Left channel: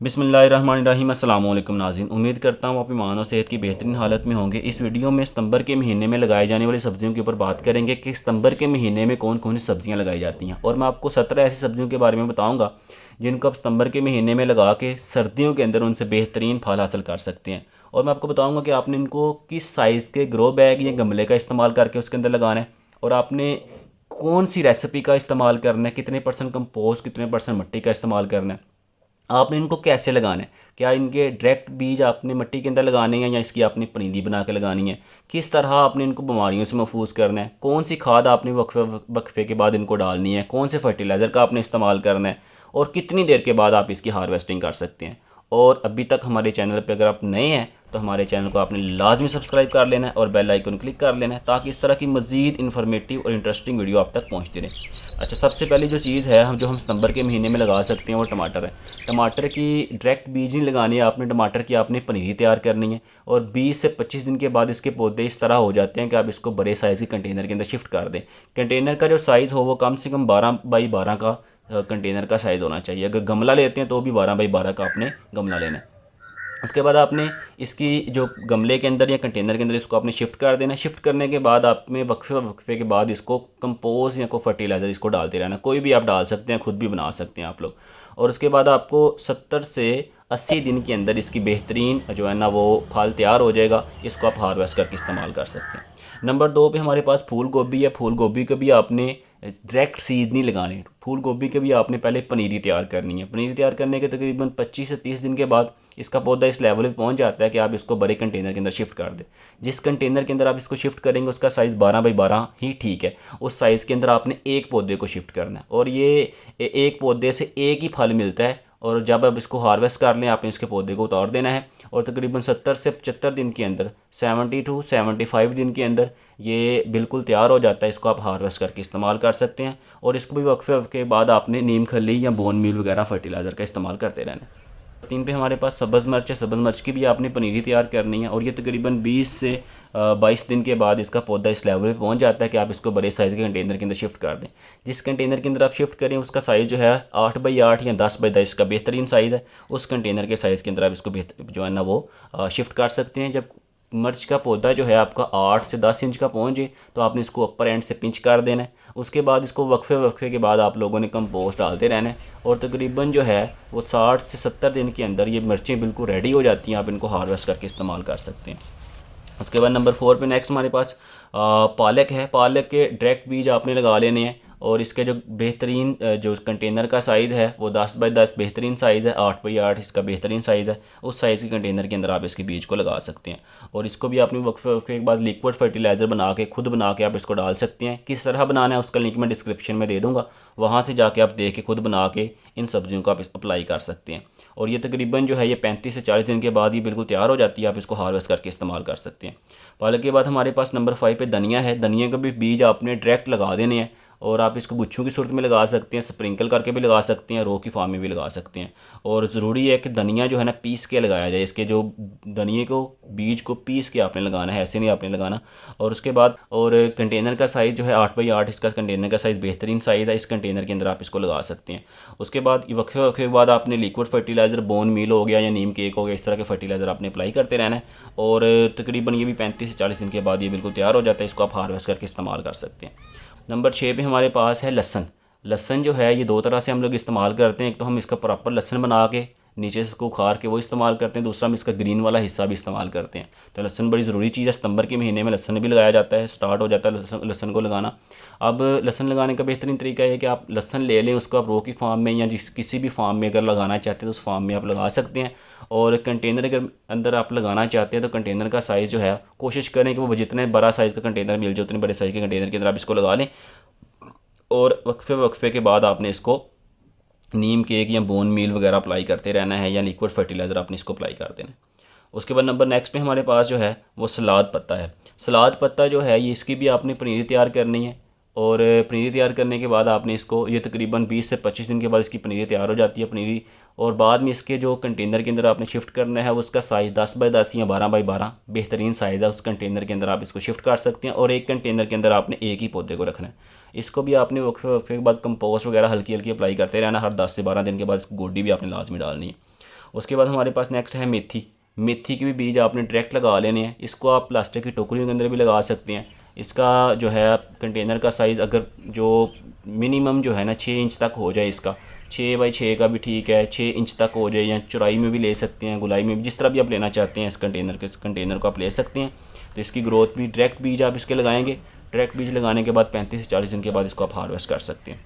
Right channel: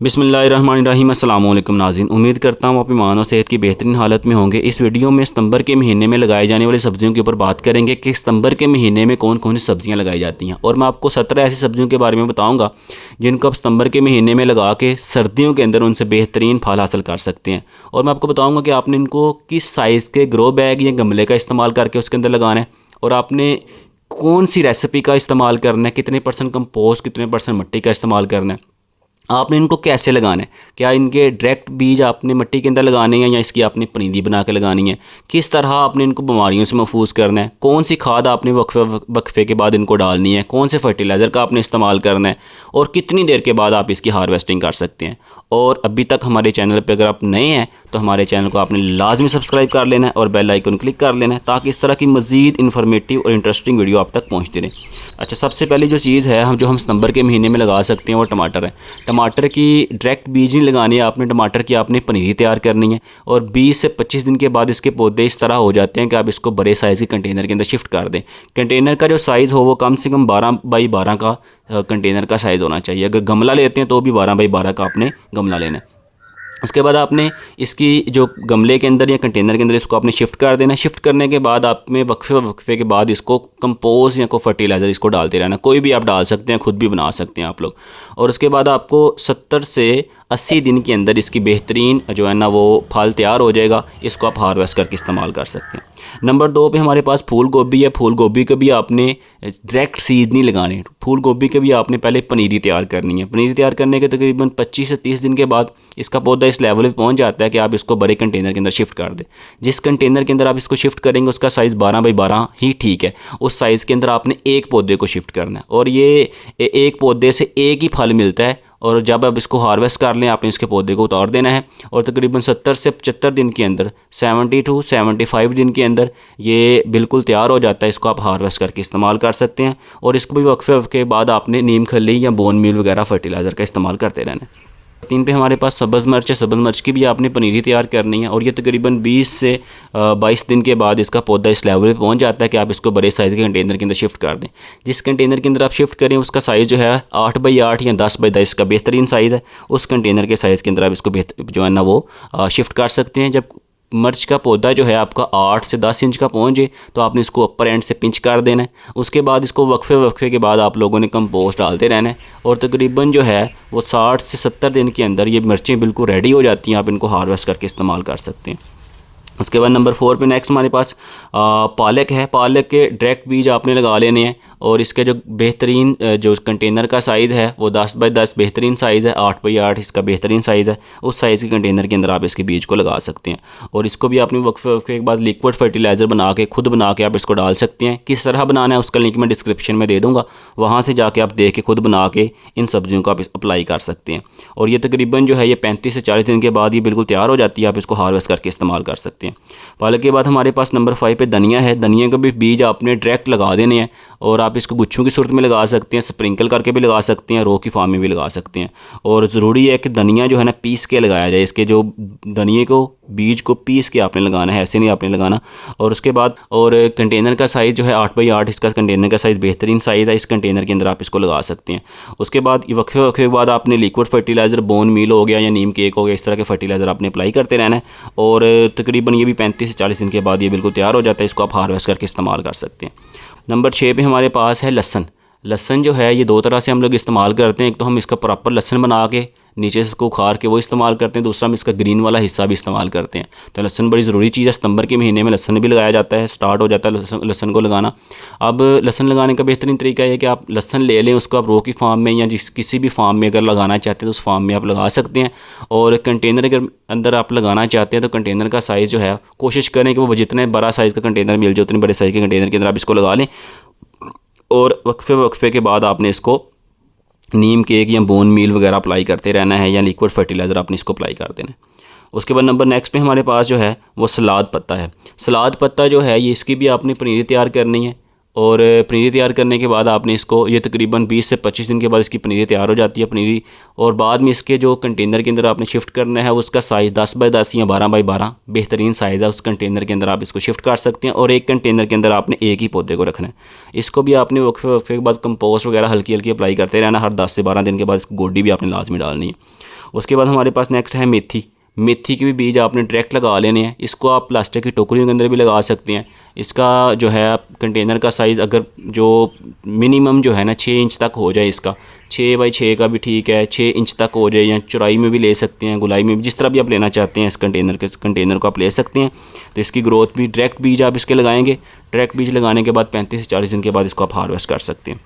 बिस्मिल्लाहिर्रहमानिर्रहीम। अस्सलाम वालेकुम नाज़रीन, उम्मीद करता हूँ आप ईमान और सेहत की बेहतरीन हालत में होंगे। इस वीडियो में सितंबर के महीने में लगाई जाने वाली सब्जियों के ऊपर बात करेंगे कि सितंबर के महीने में कौन कौन सी सब्जियाँ लगाई जाती हैं। और मैं आपको 17 ऐसी सब्जियों के बारे में बताऊँगा जिनको आप सितंबर के महीने में लगा के सर्दियों के अंदर उनसे बेहतरीन फल हासिल कर सकते हैं। और मैं आपको बताऊँगा कि आपने इनको किस साइज़ के ग्रो बैग या गमले का इस्तेमाल करके उसके अंदर लगाना है, और आपने कौन सी रेसिपी का इस्तेमाल करना है, कितने परसेंट कंपोस्ट कितने परसेंट मिट्टी का इस्तेमाल करना है, आपने इनको कैसे लगाना है, क्या इनके डायरेक्ट बीज आपने मिट्टी के अंदर लगाने हैं या इसकी आपने पनीरी बना के लगानी है, किस तरह आपने इनको बीमारियों से महफूज करना है, कौन सी खाद आपने वक्फे वक्फे के बाद इनको डालनी है, कौन से फर्टिलाइज़र का आपने इस्तेमाल करना है, और कितनी देर के बाद आप इसकी हार्वेस्टिंग कर सकते हैं। और अभी तक हमारे चैनल पर अगर आप नए हैं तो हमारे चैनल को आपने लाजमी सब्सक्राइब कर लेना है और बेल आइकन क्लिक कर लेना है ताकि इस तरह की मज़ीद इन्फॉर्मेटिव और इंटरेस्टिंग वीडियो आप तक पहुँचती रहे। अच्छा, सबसे पहले जो चीज़ है हम सितंबर के महीने में लगा सकते हैं वो टमाटर है। टमाटर की डायरेक्ट बीज नहीं लगानी है आपने, टमाटर की आपने पनीरी तैयार करनी है। और 20 से 25 दिन के बाद इसके पौधे इस तरह हो जाते हैं कि आप इसको बड़े साइज़ के कंटेनर के अंदर शिफ्ट कर दें। कंटेनर का जो साइज़ हो वो कम से कम 12 बाई 12 का कंटेनर का साइज़ होना चाहिए। अगर गमला लेते हैं तो भी 12 बाई 12 का आपने गमला लेना है। उसके बाद आपने इसकी जो गमले के अंदर या कंटेनर के अंदर इसको आपने शिफ्ट कर देना है। शिफ्ट करने के बाद आपने वक्फे के बाद इसको कंपोज या को फर्टिलाइज़र इसको डालते रहना। कोई भी आप डाल सकते हैं, खुद भी बना सकते हैं आप लोग। और उसके बाद आपको 70 से 80 दिन के अंदर इसकी बेहतरीन जो है ना वो फल तैयार हो जाएगा। इसको आप हार्वेस्ट करके इस्तेमाल कर सकते हैं। नंबर 2 पे हमारे पास फूल गोभी है। फूल गोभी का भी आपने डायरेक्ट सीड नहीं लगाने, फूल गोभी के भी आपने पहले पनीरी तैयार करनी है। पनीरी तैयार करने के तकरीबन 25 से 30 दिन के बाद इसका पौधा इस लेवल पे पहुंच जाता है कि आप इसको बड़े कंटेनर के अंदर शिफ्ट कर दें। जिस कंटेनर के अंदर आप इसको शिफ्ट करेंगे उसका साइज़ 12 बाई 12 ही ठीक है। उस साइज़ के अंदर आपने एक पौधे को शिफ्ट करना है और ये एक पौधे से एक ही फल मिलता है। और जब आप इसको हार्वेस्ट कर लें आपने इसके पौधे को उतार देना है और तकरीबन 70 से 75 दिन के अंदर 70 टू 75 दिन के अंदर ये बिल्कुल तैयार हो जाता है। इसको आप हार्वेस्ट करके इस्तेमाल कर सकते हैं। और इसको भी वक्फे के बाद आपने नीम खली या बोन मील वगैरह फर्टिलाइज़र का इस्तेमाल करते रहना है। 3 पे हमारे पास सब्ज़ मिर्च है। सब्ज़ मिर्च की भी आपने पनीरी तैयार करनी है और ये तकरीबन 20 से 22 दिन के बाद इसका पौधा इस लेवल पे पहुंच जाता है कि आप इसको बड़े साइज़ के कंटेनर के अंदर शिफ्ट कर दें। जिस कंटेनर के अंदर आप शिफ्ट करें उसका साइज़ जो है 8 बाई 8 या 10 बाई 10 का बेहतरीन साइज़ है। उस कंटेनर के साइज़ के अंदर आप इसको जो है ना वो शिफ्ट कर सकते हैं। जब मिर्च का पौधा जो है आपका 8 से 10 इंच का पहुँचे तो आपने इसको अपर एंड से पिंच कर देना है। उसके बाद इसको वक्फे के बाद आप लोगों ने कंपोस्ट डालते रहना है और तकरीबन जो है वो 60 से 70 दिन के अंदर ये मिर्चें बिल्कुल रेडी हो जाती हैं। आप इनको हार्वेस्ट करके इस्तेमाल कर सकते हैं। उसके बाद नंबर 4 पे नेक्स्ट हमारे पास पालक है। पालक के डायरेक्ट बीज आपने लगा लेने हैं और इसके जो बेहतरीन जो कंटेनर का साइज़ है वो 10 बाई 10 बेहतरीन साइज़ है। 8 बाई 8 इसका बेहतरीन साइज़ है। उस साइज़ के कंटेनर के अंदर आप इसके बीज को लगा सकते हैं और इसको भी आपने वक्फे के बाद लिक्विड फर्टिलाइज़र बना के खुद बना के आप इसको डाल सकते हैं। किस तरह बनाना है उसका लिंक मैं डिस्क्रिप्शन में दे दूँगा, वहाँ से जाके आप देख के खुद बना के इन सब्जियों को आप अप्लाई कर सकते हैं। और ये तकरीबन जो है ये 35 से 40 दिन के बाद ये बिल्कुल तैयार हो जाती है। आप इसको हार्वेस्ट करके इस्तेमाल कर सकते हैं। पालक के बाद हमारे पास नंबर 5 पे धनिया है। धनिया का भी बीज आपने डायरेक्ट लगा देने हैं और आप इसको गुच्छों की सूरत में लगा सकते हैं, स्प्रिंकल करके भी लगा सकते हैं, रो की फार्म में भी लगा सकते हैं। और ज़रूरी है कि धनिया जो है ना पीस के लगाया जाए। इसके जो धनिए को बीज को पीस के आपने लगाना है, ऐसे नहीं आपने लगाना। और उसके बाद और कंटेनर का साइज़ जो है 8 बाई 8 इसका कंटेनर का साइज़ बेहतरीन साइज़ है। इस कंटेनर के अंदर आप इसको लगा सकते हैं। उसके बाद वक्फे के बाद आपने लिक्विड फर्टिलाइज़र बोन मील हो गया या नीम केक हो गया, इस तरह के फर्टिलाइज़र आपने अप्लाई करते रहना है। और तकरीबन ये भी 35 से 40 दिन के बाद ये बिल्कुल तैयार हो जाता है। इसको आप हार्वेस्ट करके इस्तेमाल कर सकते हैं। नंबर 6 पे हमारे पास है लहसन। लहसन जो है ये दो तरह से हम लोग इस्तेमाल करते हैं। एक तो हम इसका प्रॉपर लहसन बना के नीचे से इसको उखाड़ के वो इस्तेमाल करते हैं, दूसरा हम इसका ग्रीन वाला हिस्सा भी इस्तेमाल करते हैं। तो लहसन बड़ी ज़रूरी चीज़ है। सितंबर के महीने में लहसन भी लगाया जाता है, स्टार्ट हो जाता है लहसन को लगाना। अब लहसन लगाने का बेहतरीन तरीका है कि आप लहसन ले लें, उसको आप रो की फार्म में या किसी भी फार्म में अगर लगाना चाहते हैं तो उस फार्म में आप लगा सकते हैं। और कंटेनर अगर अंदर आप लगाना चाहते हैं तो कंटेनर का साइज़ जो है कोशिश करें कि वो जितने बड़ा साइज़ का कंटेनर मिल जाए उतने बड़े साइज़ के कंटेनर के अंदर आप इसको लगा लें। और वक्फे के बाद आपने इसको नीम केक या बोन मील वगैरह अप्लाई करते रहना है या लिक्विड फर्टिलाइज़र आपने इसको अप्लाई कर देना है। उसके बाद नंबर नेक्स्ट पे हमारे पास जो है वो सलाद पत्ता है। सलाद पत्ता जो है ये इसकी भी आपने पनीरी तैयार करनी है और पनीरी तैयार करने के बाद आपने इसको, ये तकरीबन 20 से 25 दिन के बाद इसकी पनीरी तैयार हो जाती है पनीरी। और बाद में इसके जो कंटेनर के अंदर आपने शिफ्ट करना है उसका साइज़ 10 बाई 10 या 12 बाई 12 बेहतरीन साइज़ है। उस कंटेनर के अंदर आप इसको शिफ्ट कर सकते हैं और एक कंटेनर के अंदर आपने एक ही पौधे को रखना है। इसको भी आपने वक्फे वक्फे के बाद कंपोस्ट वगैरह हल्की हल्की अप्लाई करते रहना। हर 10 से 12 दिन के बाद इसको गोडी भी आपने लाजमी डालनी है। उसके बाद हमारे पास नेक्स्ट है मेथी। मेथी के भी बीज आपने डायरेक्ट लगा लेने हैं। इसको आप प्लास्टिक की टोकरियों के अंदर भी लगा सकते हैं। इसका जो है कंटेनर का साइज़ अगर जो मिनिमम जो है ना 6 इंच तक हो जाए, इसका 6 बाई 6 का भी ठीक है, 6 इंच तक हो जाए, या चौड़ाई में भी ले सकते हैं, गुलाई में भी, जिस तरह भी आप लेना चाहते हैं इस कंटेनर को आप ले सकते हैं। तो इसकी ग्रोथ भी डायरेक्ट बीज आप इसके लगाएंगे। डायरेक्ट बीज लगाने के बाद 35 से 40 दिन के बाद इसको आप हार्वेस्ट कर सकते हैं।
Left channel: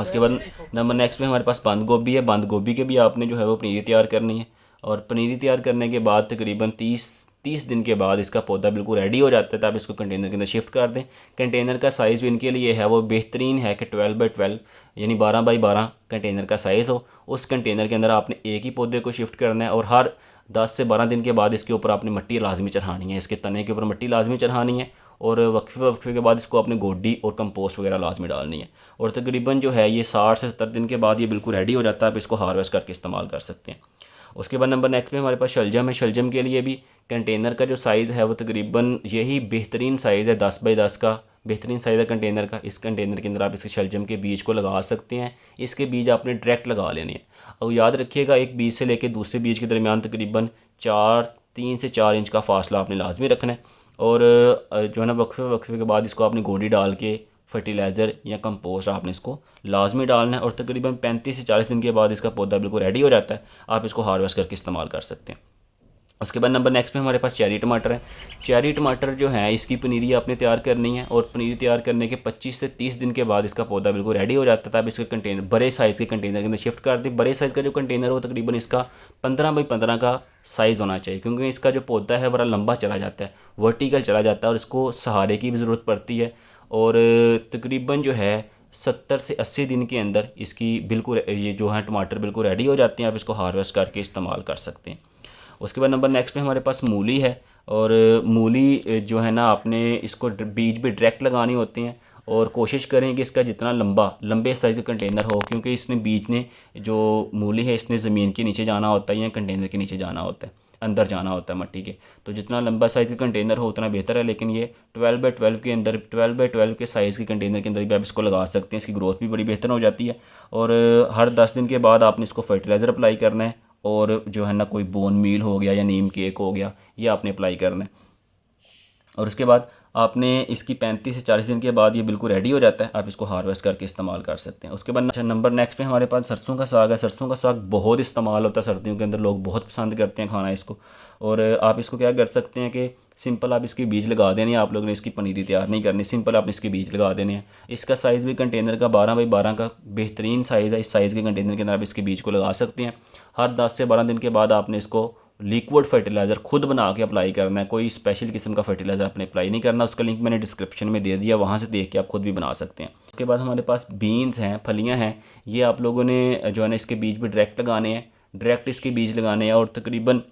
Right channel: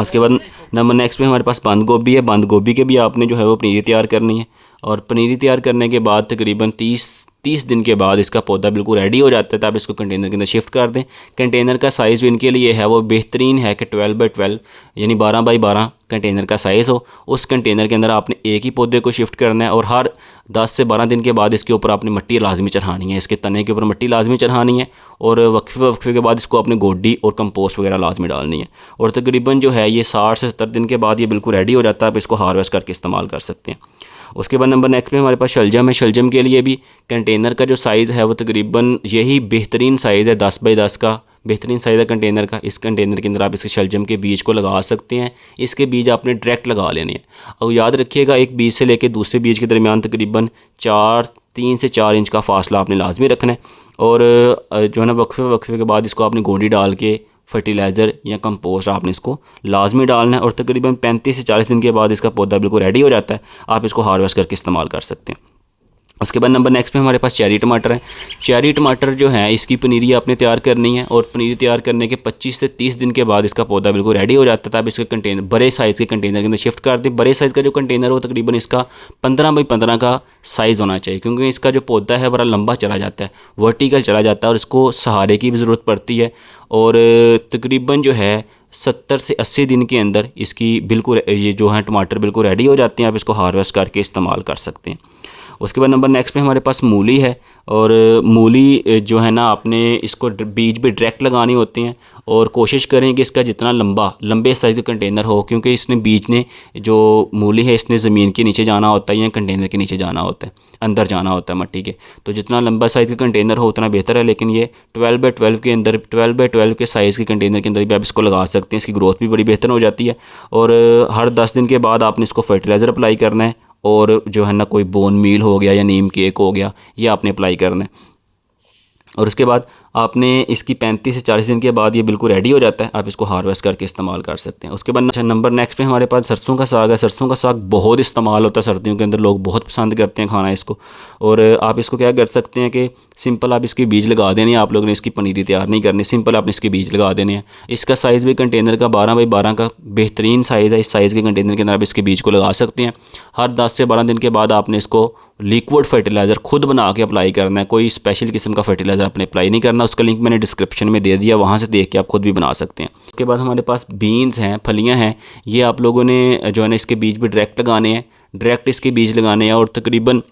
उसके बाद नंबर नेक्स्ट में हमारे पास बंद गोभी है। बंद गोभी के भी आपने जो है वो पनीरी तैयार करनी है। और पनीरी तैयार करने के बाद तकरीबन 30 दिन के बाद इसका पौधा बिल्कुल रेडी हो जाता है, तब इसको कंटेनर के अंदर शिफ्ट कर दें। कंटेनर का साइज़ इनके लिए है वो बेहतरीन है कि 12 बाई 12 यानी 12 बाई 12 कंटेनर का साइज़ हो। उस कंटेनर के अंदर आपने एक ही पौधे को शिफ्ट करना है और हर 10 से 12 दिन के बाद इसके ऊपर आपने मिट्टी लाजमी चढ़ानी है, इसके तने के ऊपर मिट्टी लाजमी चढ़ानी है। और वक्फे वक्फे के बाद इसको आपने गोडी और कंपोस्ट वगैरह लाजमी डालनी है। और तकरीबन जो है ये 60 से 70 दिन के बाद ये बिल्कुल रेडी हो जाता है, आप इसको हार्वेस्ट करके इस्तेमाल कर सकते हैं। उसके बाद नंबर नेक्स्ट में हमारे पास शलजम है। शलजम के लिए भी कंटेनर का जो साइज़ है वो तकरीबन यही बेहतरीन साइज़ है, 10 बाई 10 का बेहतरीन साइज़ है कंटेनर का। इस कंटेनर के अंदर आप इसके शलजम के बीज को लगा सकते हैं। इसके बीज आपने डायरेक्ट लगा लेने हैं। और याद रखिएगा एक बीज से लेकर दूसरे बीज के दरमियान तकरीबन 3 से 4 इंच का फासला आपने लाजमी रखना है। और जो है ना वक्फे वक्फे के बाद इसको आपने गोंडी डाल के फर्टिलाइज़र या कंपोस्ट आपने इसको लाजमी डालना है। और तकरीबन 35 से 40 दिन के बाद इसका पौधा बिल्कुल रेडी हो जाता है, आप इसको हार्वेस्ट करके इस्तेमाल कर सकते हैं। उसके बाद नंबर नेक्स्ट में हमारे पास चेरी टमाटर है। चेरी टमाटर जो है इसकी पनीरी आपने तैयार करनी है। और पनीरी तैयार करने के 25 से 30 दिन के बाद इसका पौधा बिल्कुल रेडी हो जाता है, तब इसके कंटेनर बड़े साइज़ के कंटेनर के अंदर शिफ्ट कर दें। बड़े साइज़ का जो कंटेनर हो तकरीबन इसका 15 बाई 15 का साइज़ होना चाहिए, क्योंकि इसका जो पौधा है बड़ा लंबा चला जाता है, वर्टिकल चला जाता है और इसको सहारे की भी ज़रूरत पड़ती है। और तकरीबन जो है 70 से 80 दिन के अंदर इसकी बिल्कुल ये जो है टमाटर बिल्कुल रेडी हो जाते हैं, आप इसको हार्वेस्ट करके इस्तेमाल कर सकते हैं। उसके बाद नंबर नेक्स्ट में हमारे पास मूली है। और मूली जो है ना आपने इसको बीज भी डायरेक्ट लगाने होते हैं। और कोशिश करें कि इसका जितना लंबे साइज़ का कंटेनर हो, क्योंकि इसने बीज ने जो मूली है इसने ज़मीन के नीचे जाना होता है या कंटेनर के नीचे जाना होता है, अंदर जाना होता है मट्टी के। तो जितना लंबा साइज़ का कंटेनर हो उतना बेहतर है। लेकिन ये 12 बाई 12 के अंदर 12 बाई 12 के साइज़ के कंटेनर के अंदर भी आप इसको लगा सकते हैं। इसकी ग्रोथ भी बड़ी बेहतर हो जाती है। और हर 10 दिन के बाद आपने इसको फर्टिलाइज़र अप्लाई करना है। और जो है ना कोई बोन मील हो गया या नीम केक हो गया, ये आपने अप्लाई करना है। और उसके बाद आपने इसकी 35 से 40 दिन के बाद ये बिल्कुल रेडी हो जाता है, आप इसको हार्वेस्ट करके इस्तेमाल कर सकते हैं। उसके बाद अच्छा नंबर नेक्स्ट पे हमारे पास सरसों का साग है। सरसों का साग बहुत इस्तेमाल होता है सर्दियों के अंदर, लोग बहुत पसंद करते हैं खाना इसको। और आप इसको क्या कर सकते हैं कि सिंपल आप इसके बीज लगा देने हैं। आप लोगों ने इसकी पनीरी तैयार नहीं करनी, सिंपल आपने इसके बीज लगा देने हैं। इसका साइज़ भी कंटेनर का 12 बाई 12 का बेहतरीन साइज़ है। इस साइज़ के कंटेनर के अंदर आप इसके बीज को लगा सकते हैं। हर 10 से 12 दिन के बाद आपने इसको लिक्विड फर्टिलाइज़र खुद बना के अप्लाई करना है। कोई स्पेशल किस्म का फर्टिलाइज़र आपने अप्लाई नहीं करना। उसका लिंक मैंने डिस्क्रिप्शन में दे दिया, वहाँ से देख के आप खुद भी बना सकते हैं। उसके बाद हमारे पास बीन्स हैं, फलियाँ हैं। ये आप लोगों ने जो है ना इसके बीज भी डायरेक्ट लगाने हैं, डायरेक्ट इसके बीज लगाने हैं। और तकरीबन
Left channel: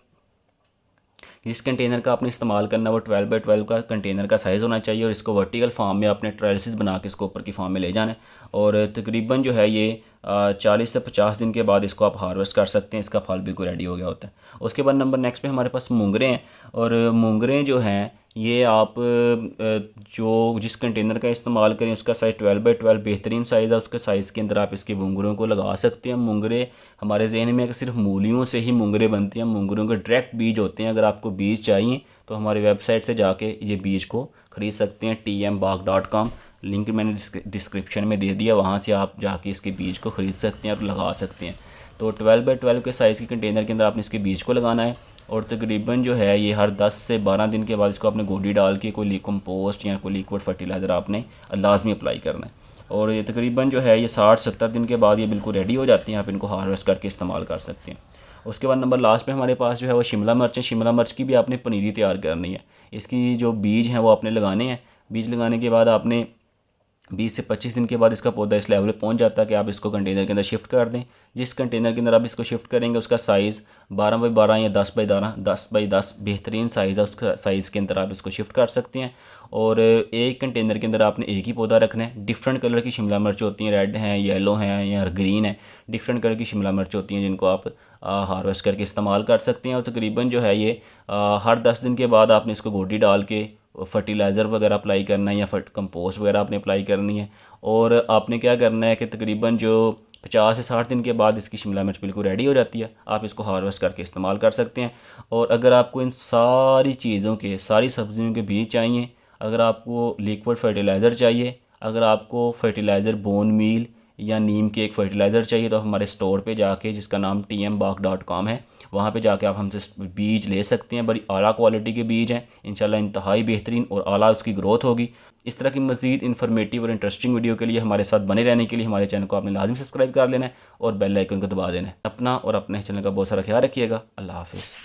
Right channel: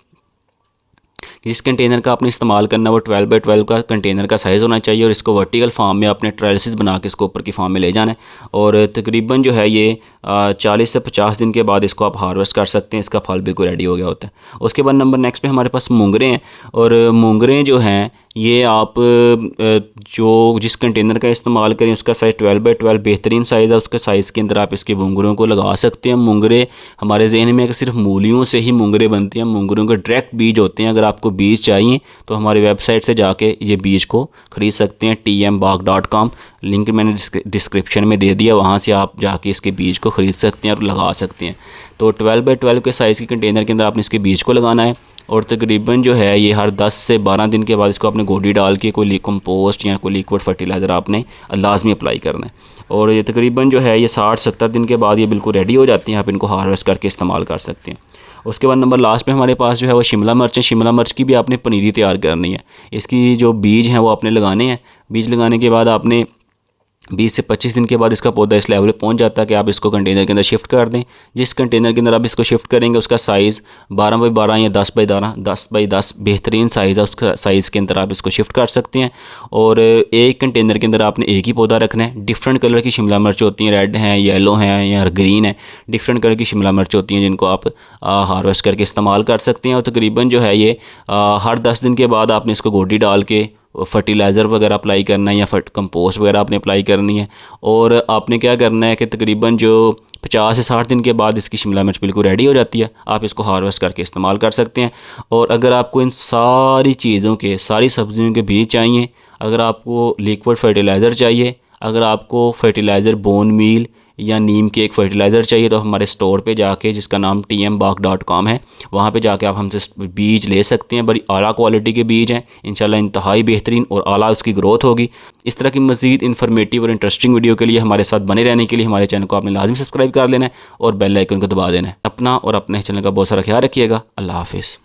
जिस कंटेनर का आपने इस्तेमाल करना है वो 12 बाई 12 का कंटेनर का साइज़ होना चाहिए। और इसको वर्टिकल फार्म में आपने ट्रेल्सिस बना के इसको ऊपर की फार्म में ले जाना है। और तकरीबन जो है ये 40 से 50 दिन के बाद इसको आप हार्वेस्ट कर सकते हैं। इसका फल बिल्कुल रेडी हो गया होता है। उसके बाद नंबर नेक्स्ट में हमारे पास मूंगरे हैं। और मूंगरे जो हैं ये आप जो जिस कंटेनर का इस्तेमाल करें उसका साइज़ 12 बाई 12 बेहतरीन साइज़ है। उसके साइज़ के अंदर आप इसके मूंगरों को लगा सकते हैं। मूंगरे हमारे जहन में कि सिर्फ मूलियों से ही मूंगरे बनते हैं, मूंगरों के डायरेक्ट बीज होते हैं। अगर आपको बीज चाहिए तो हमारी वेबसाइट से जाके ये बीज को ख़रीद सकते हैं, tmbaag.com, लिंक मैंने डिस्क्रिप्शन में दे दिया, वहाँ से आप जाके इसके बीज को ख़रीद सकते हैं और लगा सकते हैं। तो 12 बाई 12 के साइज़ के कंटेनर के अंदर आपने इसके बीज को लगाना है। और तकरीबन जो है ये हर 10 से 12 दिन के बाद इसको आपने गोडी डाल के कोई कंपोस्ट या कोई लिक्विड फर्टिलाइज़र आपने लाजमी अप्लाई करना है। और ये तकरीबन जो है ये 60-70 दिन के बाद ये बिल्कुल रेडी हो जाती हैं, आप इनको हार्वेस्ट करके इस्तेमाल कर सकते हैं। उसके बाद नंबर लास्ट में हमारे पास जो है वो शिमला मिर्च है। शिमला मिर्च की भी आपने पनीरी तैयार करनी है। इसकी जो बीज हैं वो आपने लगाने हैं। बीज लगाने के बाद आपने 20 से 25 दिन के बाद इसका पौधा इस लेवल पे पहुंच जाता है कि आप इसको कंटेनर के अंदर शिफ्ट कर दें। जिस कंटेनर के अंदर आप इसको शिफ्ट करेंगे उसका साइज़ 12x12 या 10x10 बेहतरीन साइज़ है, उसका साइज़ के अंदर आप इसको शिफ्ट कर सकते हैं। और एक कंटेनर के अंदर आपने एक ही पौधा रखना है। डिफरेंट कलर की शिमला मिर्च होती हैं, रेड हैं, येलो हैं या ग्रीन है, डिफरेंट कलर की शिमला मिर्च होती हैं जिनको आप हार्वेस्ट करके इस्तेमाल कर सकते हैं। और तकरीबन जो है ये हर 10 दिन के बाद आपने इसको गोडी डाल के फर्टिलाइज़र वगैरह अप्लाई करना है या कंपोस्ट वगैरह आपने अप्लाई करनी है। और आपने क्या करना है कि तकरीबन जो 50 से 60 दिन के बाद इसकी शिमला मिर्च बिल्कुल रेडी हो जाती है, आप इसको हार्वेस्ट करके इस्तेमाल कर सकते हैं। और अगर आपको इन सारी चीज़ों के, सारी सब्जियों के बीज चाहिए, अगर आपको लिक्विड फर्टिलाइज़र चाहिए, अगर आपको फर्टिलाइज़र बोन मील या नीम के एक फ़र्टिलाइज़र चाहिए, तो हमारे स्टोर पे जाके, जिसका नाम tmbak.com है, वहाँ पे जाके आप हमसे बीज ले सकते हैं। बड़ी आला क्वालिटी के बीज हैं, इंशाल्लाह इंतहाई बेहतरीन और आला उसकी ग्रोथ होगी। इस तरह की मज़ीद इन्फॉर्मेटिव और इंटरेस्टिंग वीडियो के लिए हमारे साथ बने रहने के लिए हमारे चैनल को आपने लाजमी सब्सक्राइब कर लेना है और बेल आइकन को दबा देना है। अपना और अपने चैनल का बहुत सारा ख्याल रखिएगा। अल्लाह हाफिज़।